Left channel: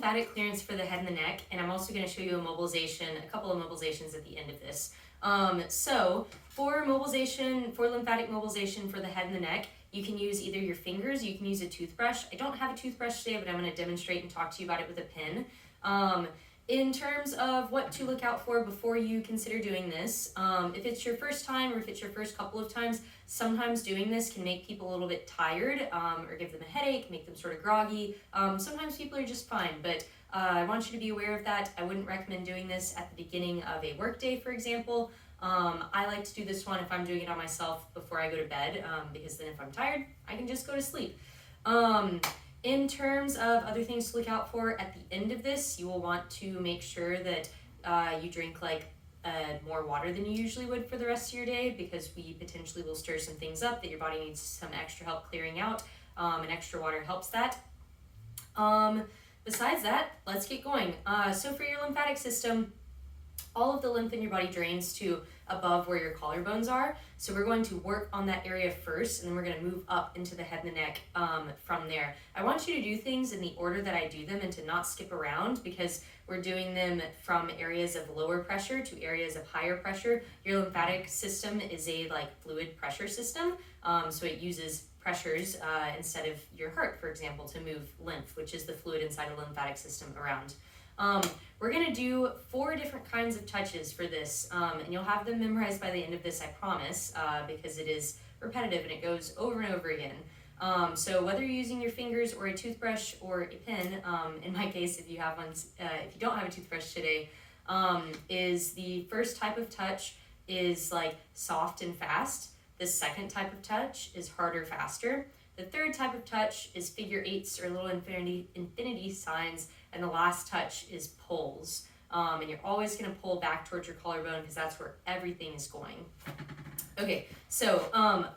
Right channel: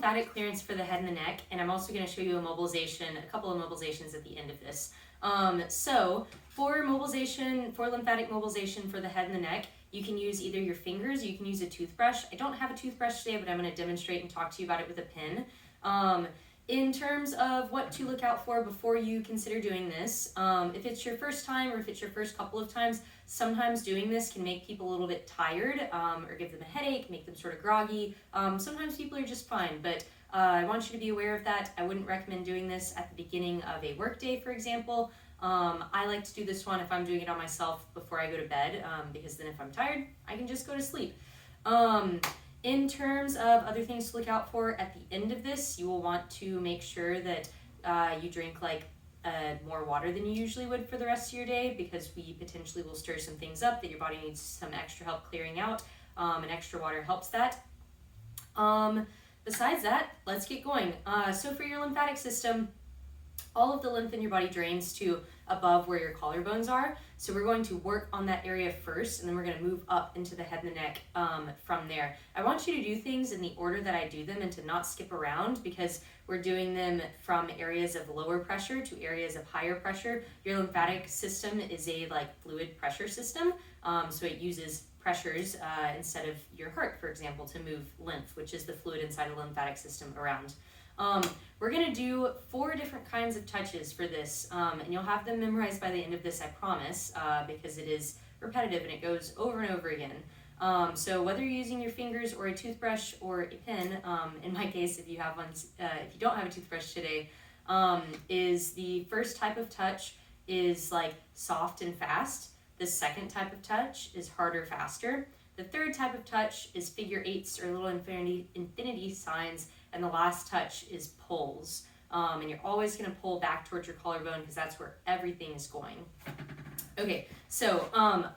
lymphatic clearance for the head and the neck, and I'm also going to show you a mobilization, a couple of mobilizations at the end of this. So for mobilization, for lymphatic mobilization for the head and the neck, you can use either your fingers, you can use a toothbrush. I don't have a toothbrush today, but I'm going to demonstrate and talk to you about it with a pen. In terms of what to look out for before you consider doing this, if it's your first time or if it's your first couple of times, sometimes doing this can make people a little bit tired or give them a headache, make them sort of groggy. Sometimes people are just fine, but I want you to be aware of that. I wouldn't recommend doing this at the beginning of a workday, for example. I like to do this one if I'm doing it on myself before I go to bed, because then if I'm tired, I can just go to sleep. In terms of other things to look out for at the end of this, you will want to make sure that you drink more water than you usually would for the rest of your day, because we potentially will stir some things up that your body needs some extra help clearing out, and extra water helps that. Besides that, let's get going. So for your lymphatic system, all of the lymph in your body drains to above where your collarbones are. So we're going to work on that area first, and then we're going to move up into the head and the neck from there. I want you to do things in the order that I do them and to not skip around, because we're doing them from areas of lower pressure to areas of higher pressure. Your lymphatic system is a fluid pressure system, so it uses pressures instead of your heart, for example, to move lymph, which is the fluid inside of the lymphatic system around. We're going to do 4 different kinds of touches for this, and you'll have them memorized by the end of this, I promise, because it is repetitive and it goes over and over again. So whether you're using your fingers or a toothbrush or a pen, in my case, if you have one, if you don't have a toothbrush today, is the first type of touch is soft and fast. The second type of touch is harder, faster. The third type of touch is figure 8s or little infinity signs, and the last touch is pulls. And you're always going to pull back towards your collarbone because that's where everything is going. Okay, so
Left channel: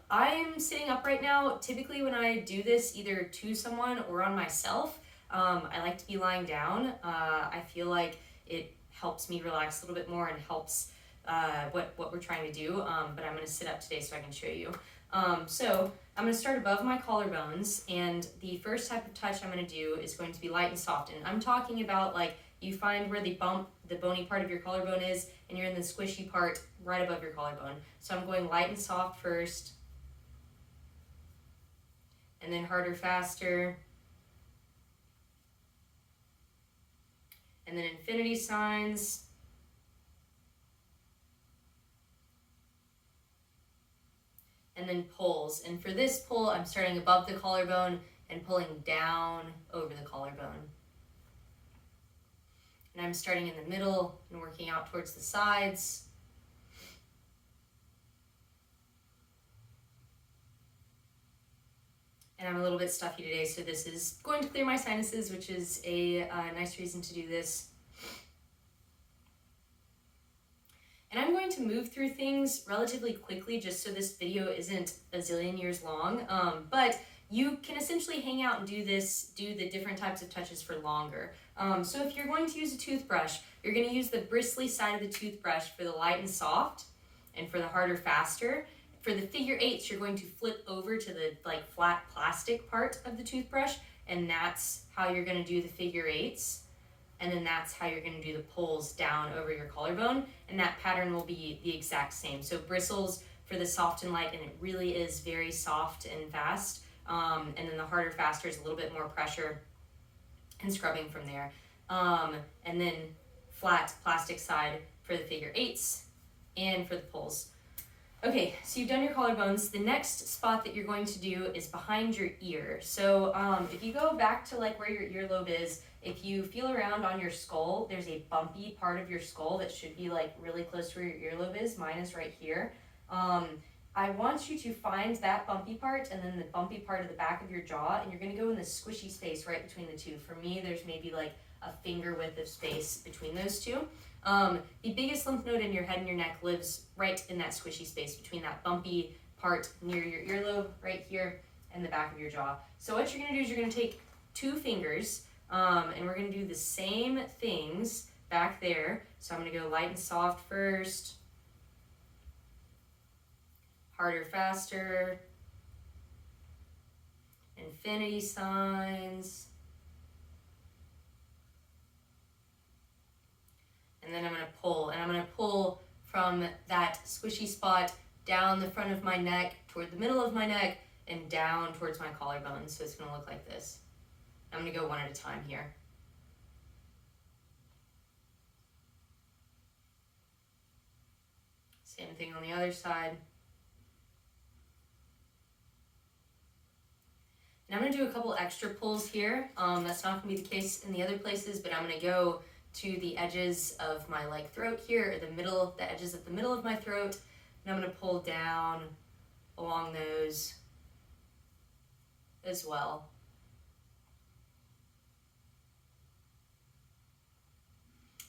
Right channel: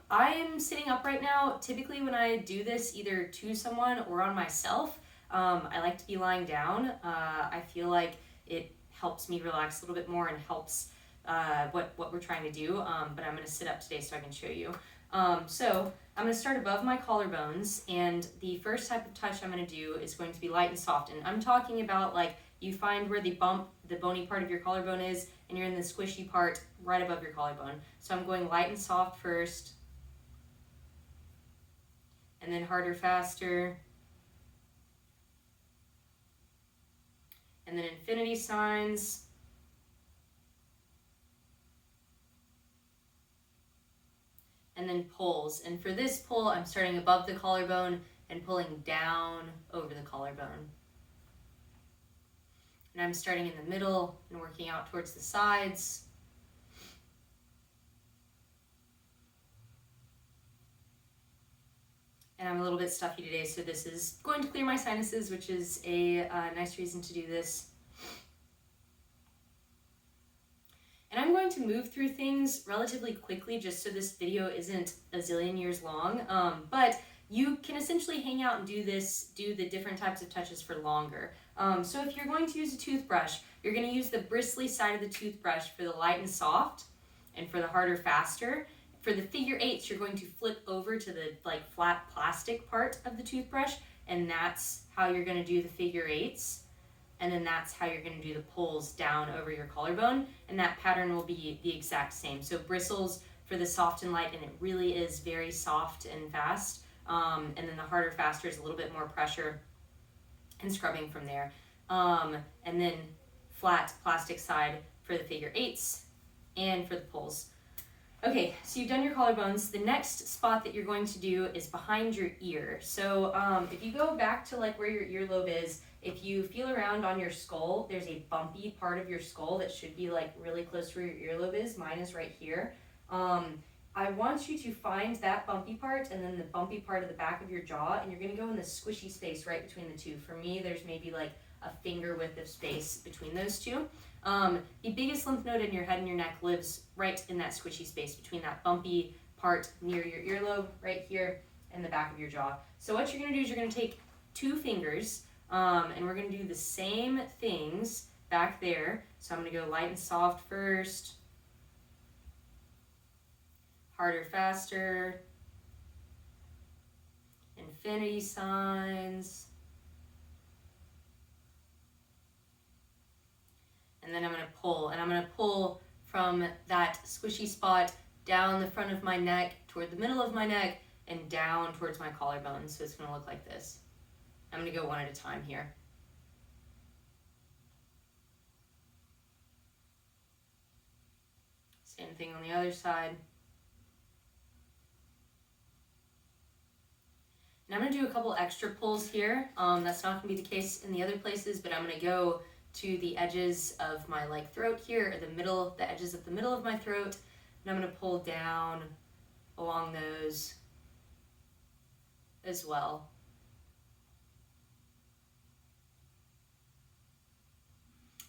I'm sitting up right now. Typically when I do this either to someone or on myself, I like to be lying down. I feel like it helps me relax a little bit more and helps what we're trying to do, but I'm going to sit up today so I can show you. So I'm going to start above my collarbones, and the first type of touch I'm going to do is going to be light and soft. And I'm talking about you find where the bony part of your collarbone is, and you're in the squishy part right above your collarbone. So I'm going light and soft first, and then harder, faster, and then infinity signs. And then pulls. And for this pull, I'm starting above the collarbone and pulling down over the collarbone. And I'm starting in the middle and working out towards the sides. And I'm a little bit stuffy today, so this is going to clear my sinuses, which is a nice reason to do this. And I'm going to move through things relatively quickly just so this video isn't a zillion years long, but you can essentially hang out and do the different types of touches for longer. So if you're going to use a toothbrush, you're going to use the bristly side of the toothbrush for the light and soft, and for the harder, faster. For the figure 8s, you're going to flip over to the flat plastic part of the toothbrush, and that's how you're going to do the figure 8s. And then that's how you're going to do the pulls down over your collarbone, and that pattern will be the exact same. So bristles for the soft and light, and it really is very soft and fast. And then the harder, faster is a little bit more pressure and scrubbing from there. And then flat plastic side for the figure 8s and for the pulls. Okay, so you've done your collarbones. The next spot that you're going to do is behind your ear. So if you go back to where your earlobe is, if you feel around on your skull, there's a bumpy part of your skull that should be really close to where your earlobe is. Mine is right here. I want you to find that bumpy part and then the bumpy part of the back of your jaw, and you're going to go in the squishy space right between the two. For me, there's maybe a finger width of space between those two. The biggest lymph node in your head and your neck lives right in that squishy space between that bumpy part near your earlobe right here and the back of your jaw. So what you're going to do is you're going to take 2 fingers, and we're going to do the same things back there. So I'm going to go light and soft first, harder, faster, infinity signs, I'm going to pull from that squishy spot down the front of my neck, toward the middle of my neck, and down towards my collarbone. So it's going to look like this. I'm going to go one at a time here. Same thing on the other side. And I'm going to do a couple extra pulls here. That's not going to be the case in the other places, but I'm going to go to the edges of my like throat here, or the edges of the middle of my throat, and I'm going to pull down along those as well.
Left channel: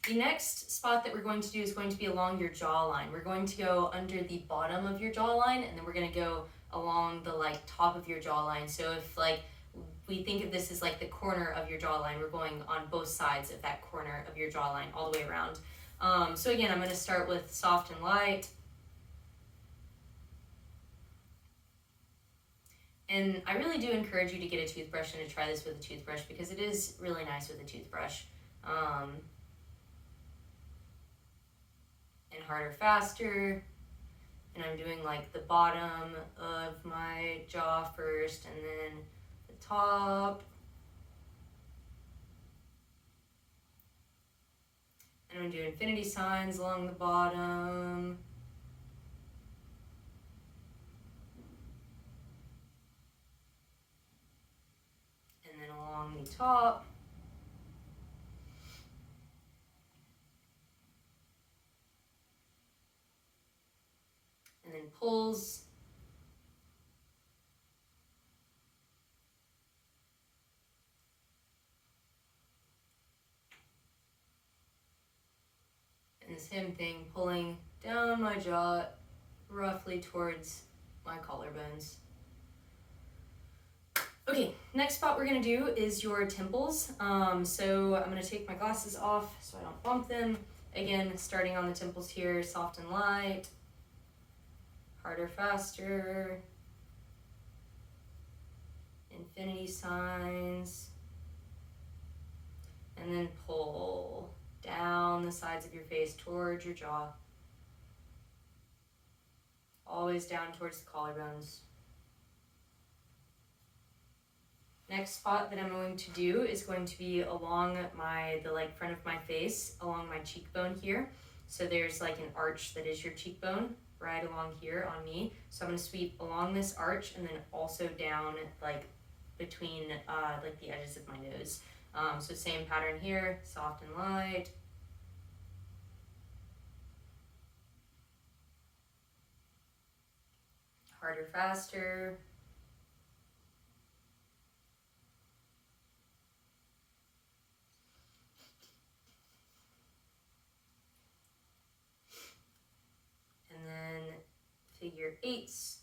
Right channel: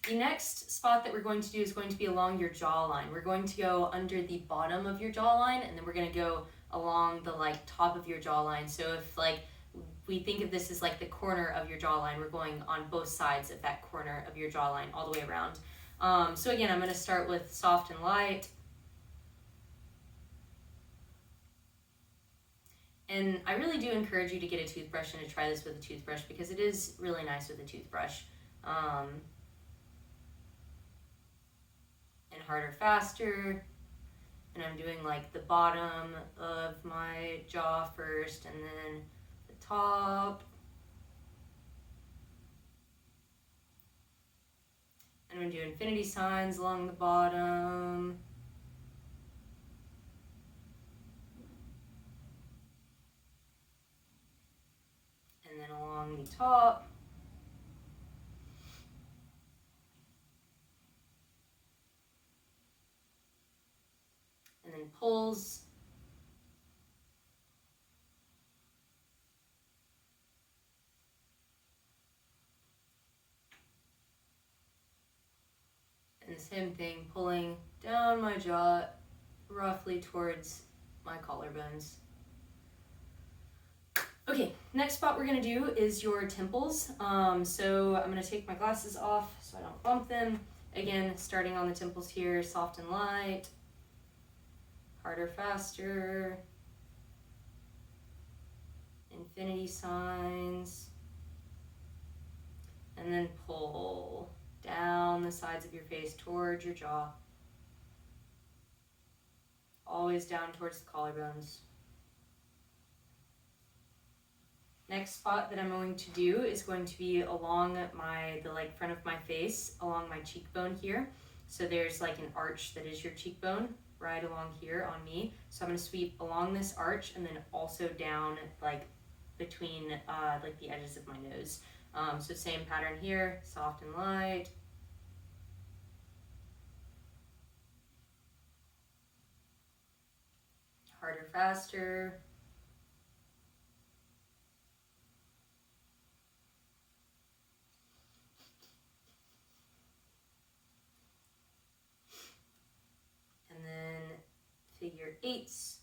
The next spot that we're going to do is going to be along your jawline. We're going to go under the bottom of your jawline, and then we're going to go along the like top of your jawline. So if like we think of this as like the corner of your jawline, we're going on both sides of that corner of your jawline all the way around. So again, I'm going to start with soft and light. And I really do encourage you to get a toothbrush and to try this with a toothbrush, because it is really nice with a toothbrush. And harder, faster. And I'm doing like the bottom of my jaw first, and then the top. And I'm going to do infinity signs along the bottom. And then along the top. And then pulls. And the same thing, pulling down my jaw roughly towards my collarbones. Okay, next spot we're going to do is your temples. So I'm going to take my glasses off so I don't bump them. Again, starting on the temples here, soft and light, harder, faster, infinity signs, and then pull down the sides of your face towards your jaw, always down towards the collarbones. Next spot that I'm going to do is going to be along the like front of my face, along my cheekbone here. So there's like an arch that is your cheekbone right along here on me. So I'm going to sweep along this arch and then also down like between like the edges of my nose. So same pattern here, soft and light. Harder, faster. And then figure eights.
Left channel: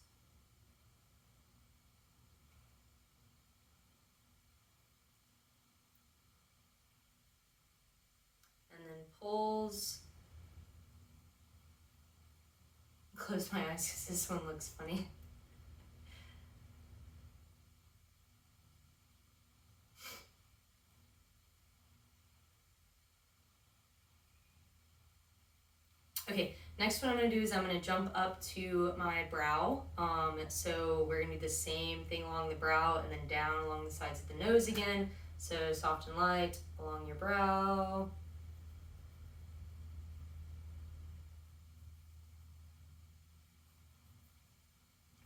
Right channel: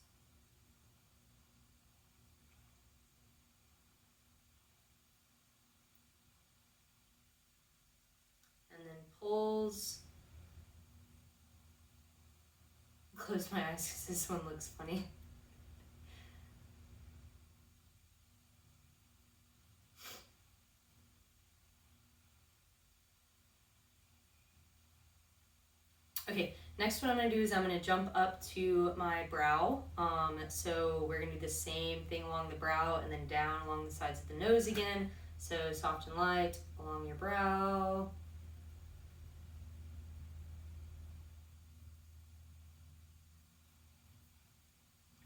And then pulls. Close my eyes because this one looks funny. Okay, next what I'm going to do is I'm going to jump up to my brow. So we're going to do the same thing along the brow and then down along the sides of the nose again. So soft and light along your brow.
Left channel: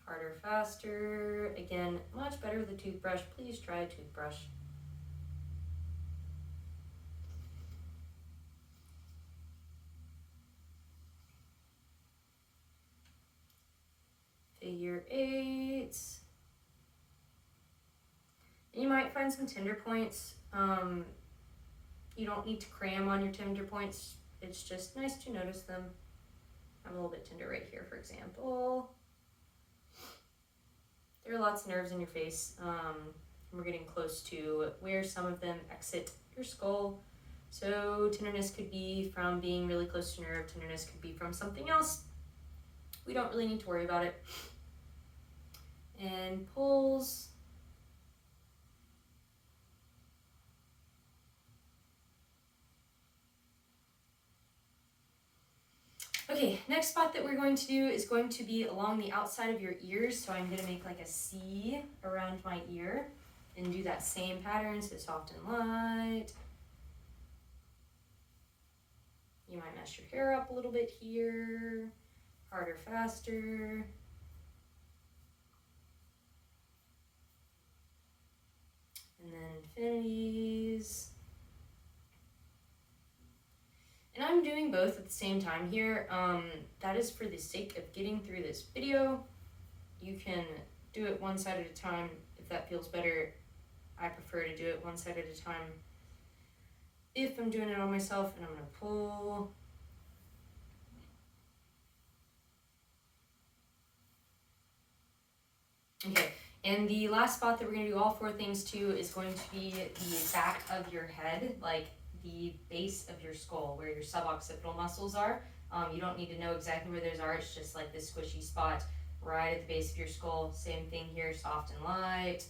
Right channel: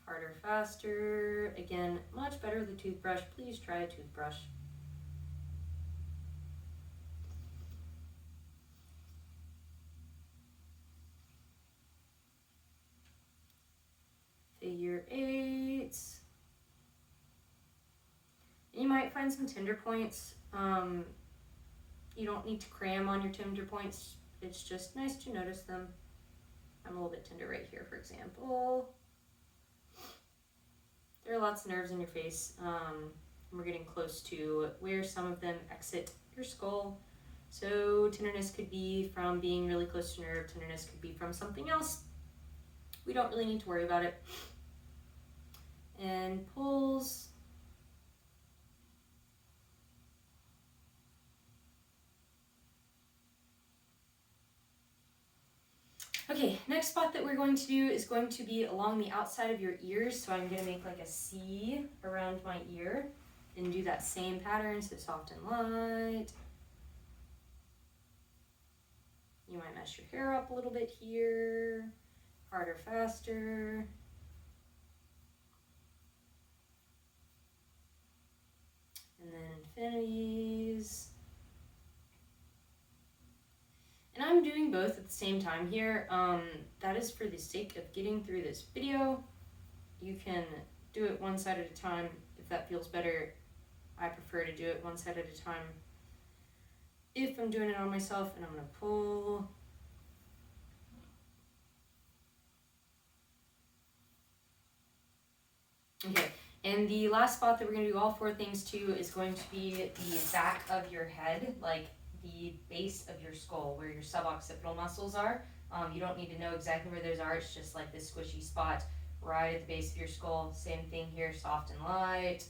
Harder, faster. Again, much better with a toothbrush. Please try a toothbrush. Figure eights. And you might find some tender points. You don't need to cram on your tender points. It's just nice to notice them. I'm a little bit tender right here, for example. There are lots of nerves in your face. We're getting close to where some of them exit your skull. So tenderness could be from being really close to nerve. Tenderness could be from something else. We don't really need to worry about it. And pulls. Okay, next spot that we're going to do is going to be along the outside of your ears. So I'm going to make like a C around my ear and do that same pattern, so soft and light. You might mess your hair up a little bit here, harder, faster. And then infinities. And I'm doing both at the same time here. That is for the sake of getting through this video. You can do it one side at a time if that feels better. I prefer to do it one side at a time if I'm doing it on myself. And I'm going to pull. Okay, and the last spot that we're going to do all 4 things to is going to be the back of your head, like the base of your skull, where your suboccipital muscles are. You don't need to know exactly where those are. It's just like this squishy spot right at the base of your skull. Same thing here, soft and light.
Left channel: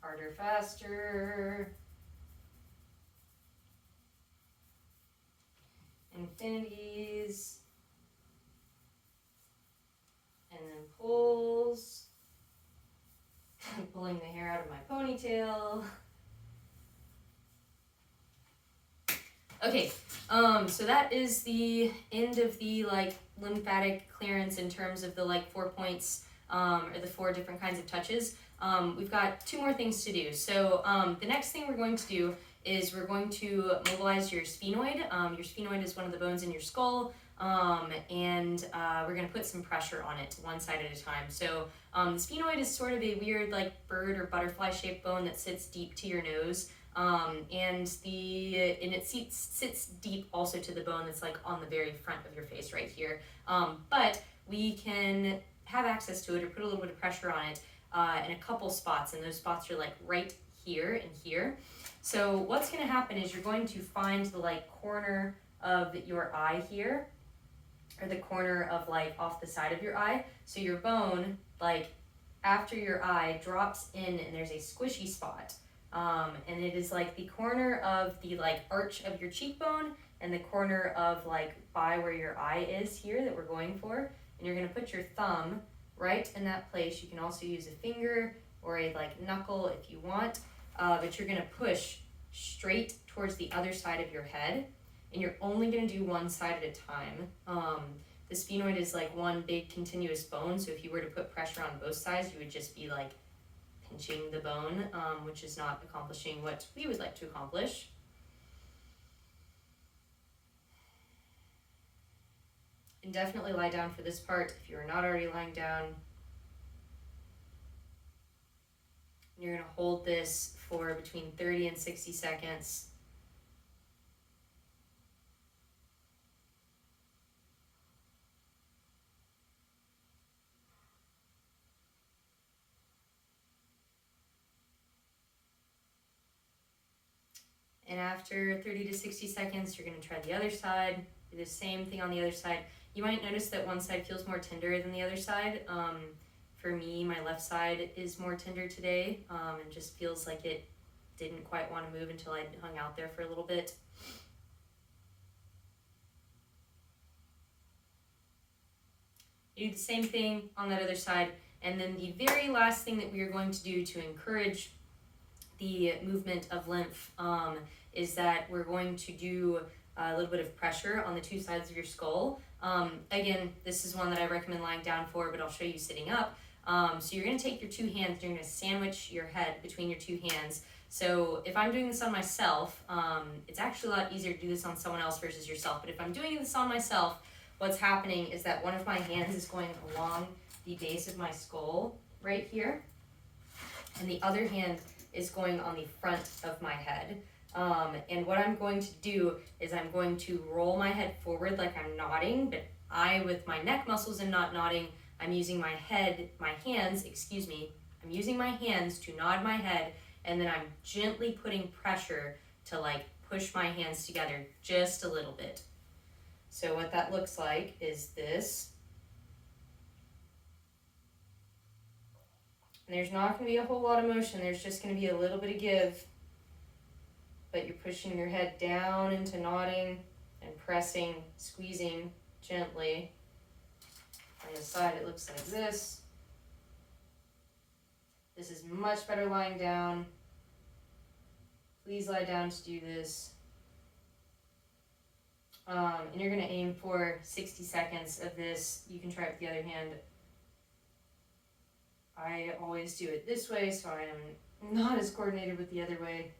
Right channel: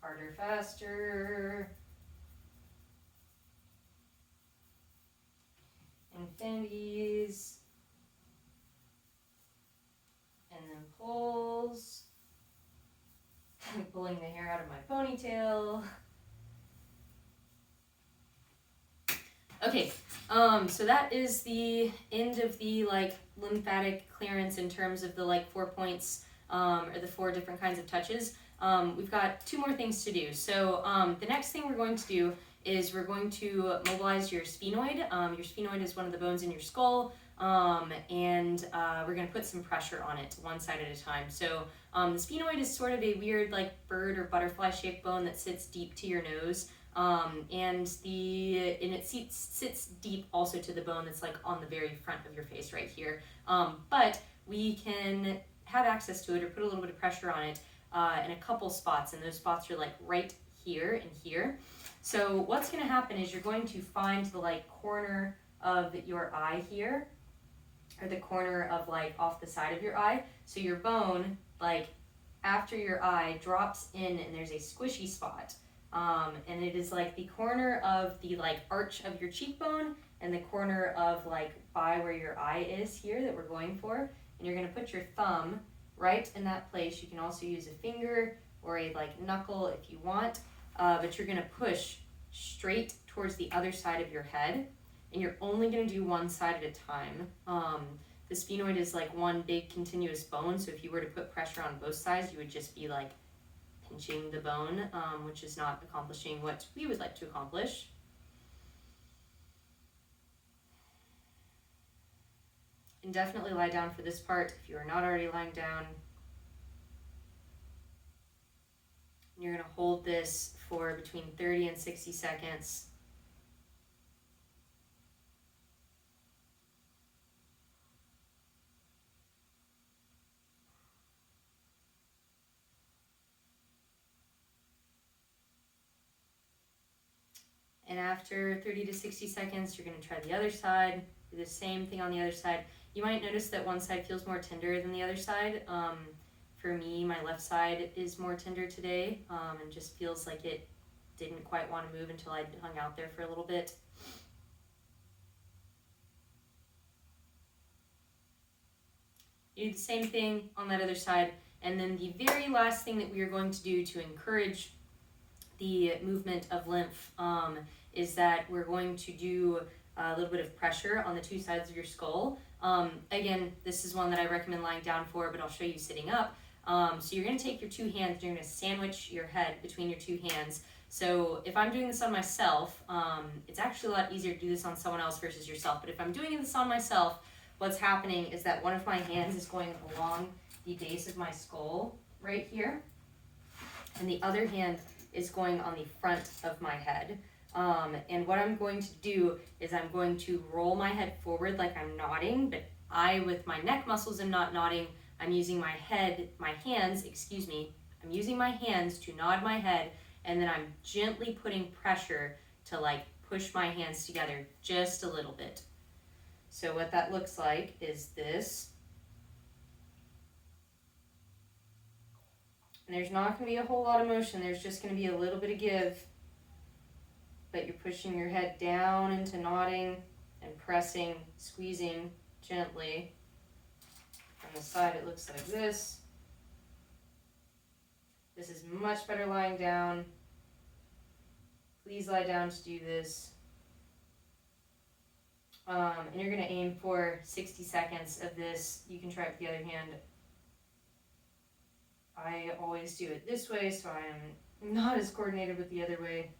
Harder, faster. Infinities. And then pulls. Pulling the hair out of my ponytail. Okay, so that is the end of the like lymphatic clearance in terms of the like 4 points or the 4 different kinds of touches. We've got 2 more things to do. So the next thing we're going to do is we're going to mobilize your sphenoid. Your sphenoid is one of the bones in your skull, and we're going to put some pressure on it one side at a time. So the sphenoid is sort of a weird like bird or butterfly shaped bone that sits deep to your nose. And it sits deep also to the bone that's like on the very front of your face right here. But we can have access to it or put a little bit of pressure on it in a couple spots, and those spots are like right here and here. So what's going to happen is you're going to find the like corner of your eye here, or the corner of like off the side of your eye. So your bone, like after your eye, drops in and there's a squishy spot. And it is like the corner of the like arch of your cheekbone and the corner of like by where your eye is here that we're going for. And you're going to put your thumb right in that place. You can also use a finger or a like knuckle if you want, but you're going to push straight towards the other side of your head, and you're only going to do one side at a time. The sphenoid is like one big continuous bone, so if you were to put pressure on both sides, you would just be like pinching the bone, which is not accomplishing what we would like to accomplish. And definitely lie down for this part if you are not already lying down. You're going to hold this for between 30 and 60 seconds. And after 30 to 60 seconds, you're going to try the other side. Do the same thing on the other side. You might notice that one side feels more tender than the other side. For me, my left side is more tender today, and just feels like it didn't quite want to move until I hung out there for a little bit. You do the same thing on that other side. And then the very last thing that we are going to do to encourage the movement of lymph is that we're going to do a little bit of pressure on the 2 sides of your skull. Again, this is one that I recommend lying down for, but I'll show you sitting up. So you're going to take your 2 hands, you're going to sandwich your head between your 2 hands. So if I'm doing this on myself, it's actually a lot easier to do this on someone else versus yourself. But if I'm doing this on myself, what's happening is that one of my hands is going along the base of my skull right here, and the other hand is going on the front of my head. And what I'm going to do is I'm going to roll my head forward like I'm nodding, but with my neck muscles and not nodding, I'm using I'm using my hands to nod my head, and then I'm gently putting pressure to like push my hands together just a little bit. So what that looks like is this. And there's not going to be a whole lot of motion, there's just going to be a little bit of give. But you're pushing your head down into nodding, and pressing, squeezing gently. On the side, it looks like this. This is much better lying down. Please lie down to do this. And you're going to aim for 60 seconds of this. You can try it with the other hand. I always do it this way, so I'm not as coordinated with the other way.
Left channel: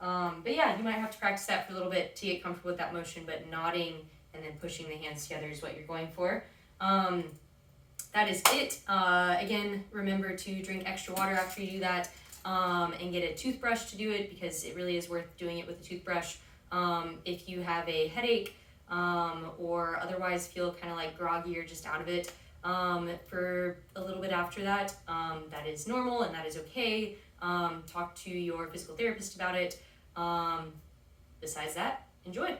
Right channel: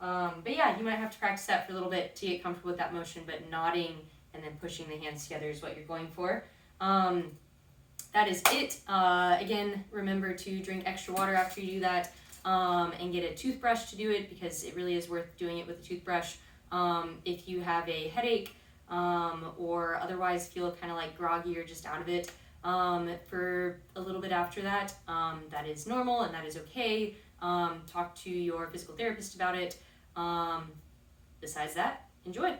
But yeah, you might have to practice that for a little bit to get comfortable with that motion, but nodding and then pushing the hands together is what you're going for. That is it. Again, remember to drink extra water after you do that, and get a toothbrush to do it, because it really is worth doing it with a toothbrush. If you have a headache, or otherwise feel kind of like groggy or just out of it, for a little bit after that, that is normal and that is okay. Talk to your physical therapist about it. Besides that, enjoy.